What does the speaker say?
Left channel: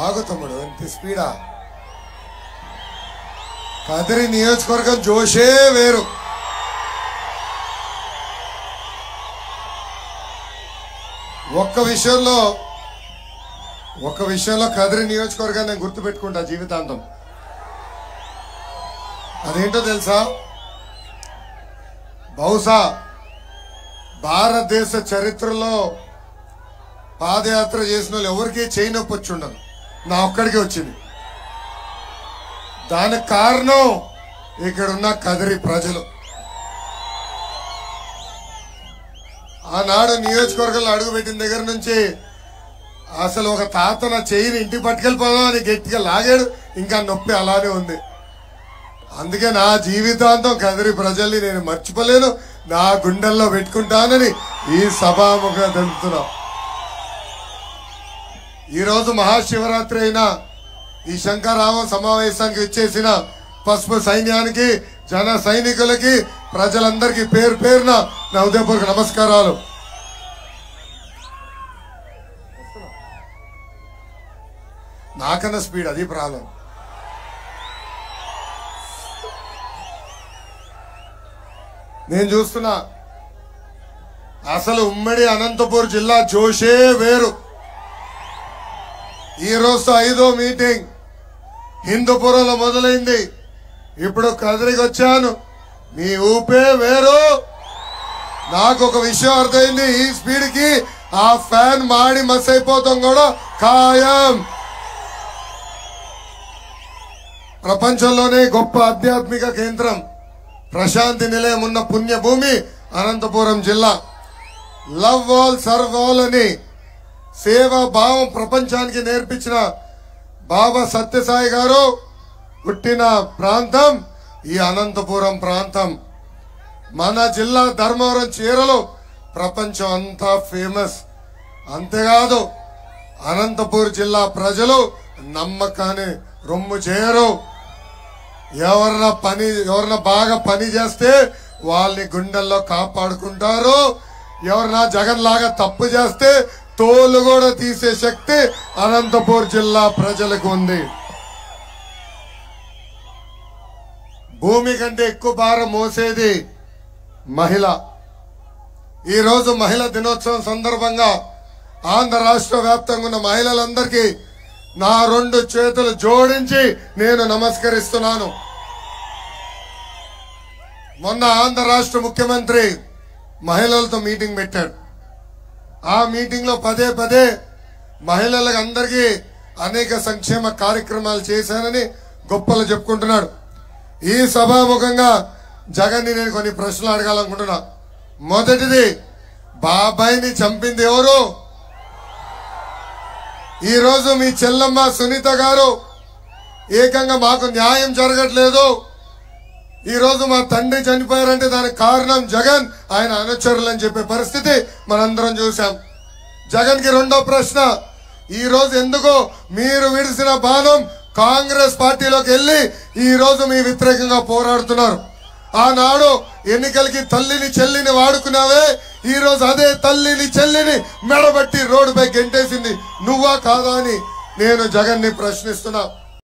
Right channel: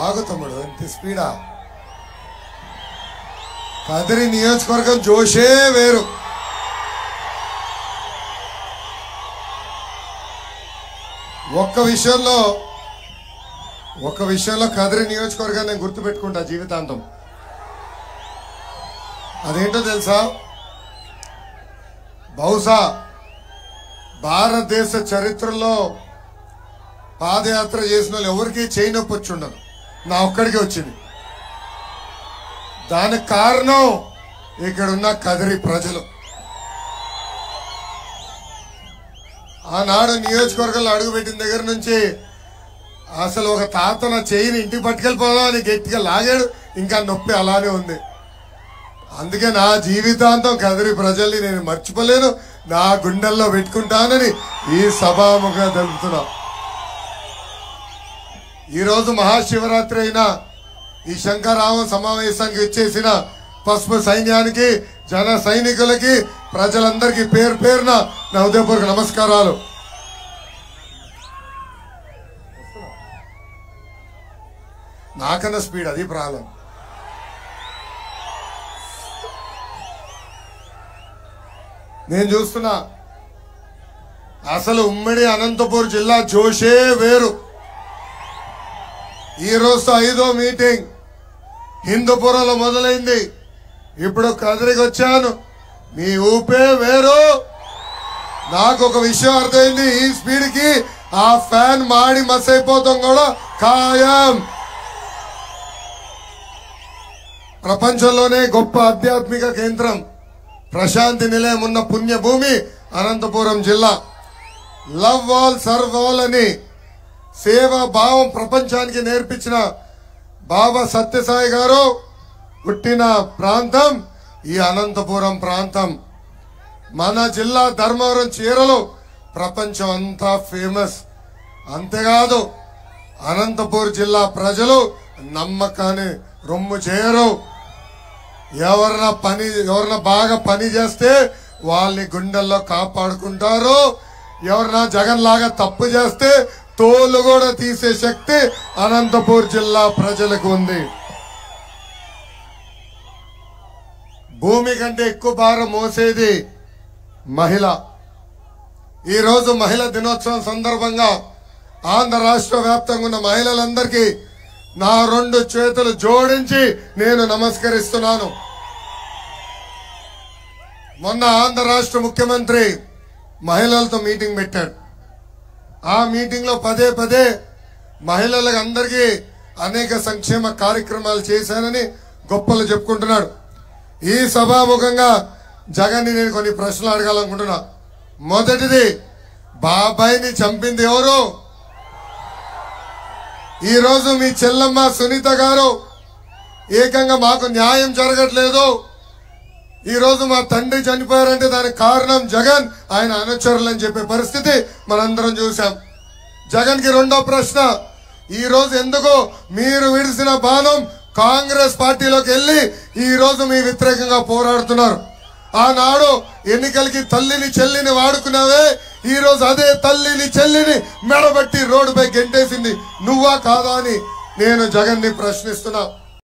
ఆగు తమ్ముడు, ఇంత స్పీడా? కదిరి నియోజకవర్గం జోషే వేరు. ఒక్క విషయంలో కదిరి నియోజకవర్గాన్ని నేను గుర్తుపెట్టుకుంటా జీవితాంతం. అదేంటో తెలుసా? బహుశా భారతదేశ చరిత్రలో పాదయాత్ర చేసిన వాళ్ళు ఎవరికీ చేయి నొప్పి వచ్చి ఉండదు, నా ఒక్కడికి వచ్చింది. దానికి కారణం ఇక్కడున్న కదిరి ప్రజలు. ఆనాడు నియోజకవర్గంలో అడుగుపెట్టిన దగ్గర నుంచి అసలు ఒక తాత నా చెయ్యిని ఇంటికి పట్టుకెళ్ళిపోదాం అని గట్టిగా లాగాడు, ఇంకా నొప్పి అలానే ఉంది. అందుకే నా జీవితాంతం కదిరి ప్రజల్ని నేను మర్చిపోలేను, నా గుండెల్లో పెట్టుకుంటానని ఈ సభాముఖంగా తెలుపుతున్నా. ఈరోజు మహాశివరాత్రి అయినా ఈ శంకరామ సమావేశానికి వచ్చేసిన పసుపు సైన్యానికి, జన సైనికులకి, ప్రజలందరికీ పేరు పేరున నా హృదయపూర్వక నమస్కారాలు. నాకన్నా స్పీడ్, అది ప్రాబ్లం. నేను చూస్తున్నా అసలు ఉమ్మడి అనంతపూర్ జిల్లా జోషే వేరు. ఈ రోజు 5వ మీటింగ్ హిందూపురంలో మొదలైంది, ఇప్పుడు కదిరికి వచ్చాను. మీ ఊపే వేరు. నాకు ఒక విషయం అర్థమైంది, ఈ స్పీడ్ కి ఆ ఫ్యాన్ మాడి మస్ అయిపోతాం కూడా ఖాయం. ప్రపంచంలోనే గొప్ప ఆధ్యాత్మిక కేంద్రం, ప్రశాంతి నిలయం ఉన్న పుణ్యభూమి అనంతపురం జిల్లా. లవ్ ఆల్ సర్వ్ ఆల్ అని సేవా భావం ప్రపంచానికి నేర్పించిన బాబా సత్యసాయి గారు పుట్టిన ప్రాంతం ఈ అనంతపురం ప్రాంతం. మన జిల్లా ధర్మవరం చీరలు ప్రపంచం అంతా ఫేమస్. అంతేకాదు అనంతపూర్ జిల్లా ప్రజలు నమ్మకాన్ని రొమ్ము చేయరు. ఎవరన్నా బాగా పని చేస్తే వాళ్ళని గుండెల్లో కాపాడుకుంటారు. ఎవరన్నా జగన్ లాగా తప్పు చేస్తే తోలు కూడా తీసే శక్తి అనంతపూర్ జిల్లా ప్రజలకు ఉంది. భూమి కంటే ఎక్కువ భారం మోసేది మహిళ. ఈరోజు మహిళా దినోత్సవం సందర్భంగా ఆంధ్ర రాష్ట్ర వ్యాప్తంగా ఉన్న మహిళలందరికీ నా 2 చేతులు జోడించి నేను నమస్కరిస్తున్నాను. మొన్న ఆంధ్ర రాష్ట్ర ముఖ్యమంత్రి మహిళలతో మీటింగ్ పెట్టాడు. ఆ మీటింగ్ లో పదే మహిళలకు అందరికీ అనేక సంక్షేమ కార్యక్రమాలు చేశానని గొప్పలు చెప్పుకుంటున్నాడు. ఈ సభాముఖంగా జగన్ ని నేను కొన్ని ప్రశ్నలు అడగాలనుకుంటున్నా. మొదటిది, బాబాయిని చంపింది ఎవరు? ఈ రోజు మీ చెల్లమ్మ సునీత గారు ఏకంగా మాకు న్యాయం జరగట్లేదు, ఈ రోజు మా తండ్రి చనిపోయారంటే దానికి కారణం జగన్, ఆయన అనుచరులని చెప్పే పరిస్థితి మనందరం చూసాం. జగన్ కి రెండో ప్రశ్న, ఈ రోజు ఎందుకు మీరు విడిసిన బాణం కాంగ్రెస్ పార్టీలోకి వెళ్లి ఈ రోజు మీ వ్యతిరేకంగా పోరాడుతున్నారు? ఆనాడు ఎన్నికలకి తల్లిని చెల్లిని వాడుకున్నావే, ఈ రోజు అదే తల్లిని చెల్లిని మెడబట్టి రోడ్డుపై గెంటేసింది నువ్వా కాదా అని నేను జగన్ ని ప్రశ్నిస్తున్నా.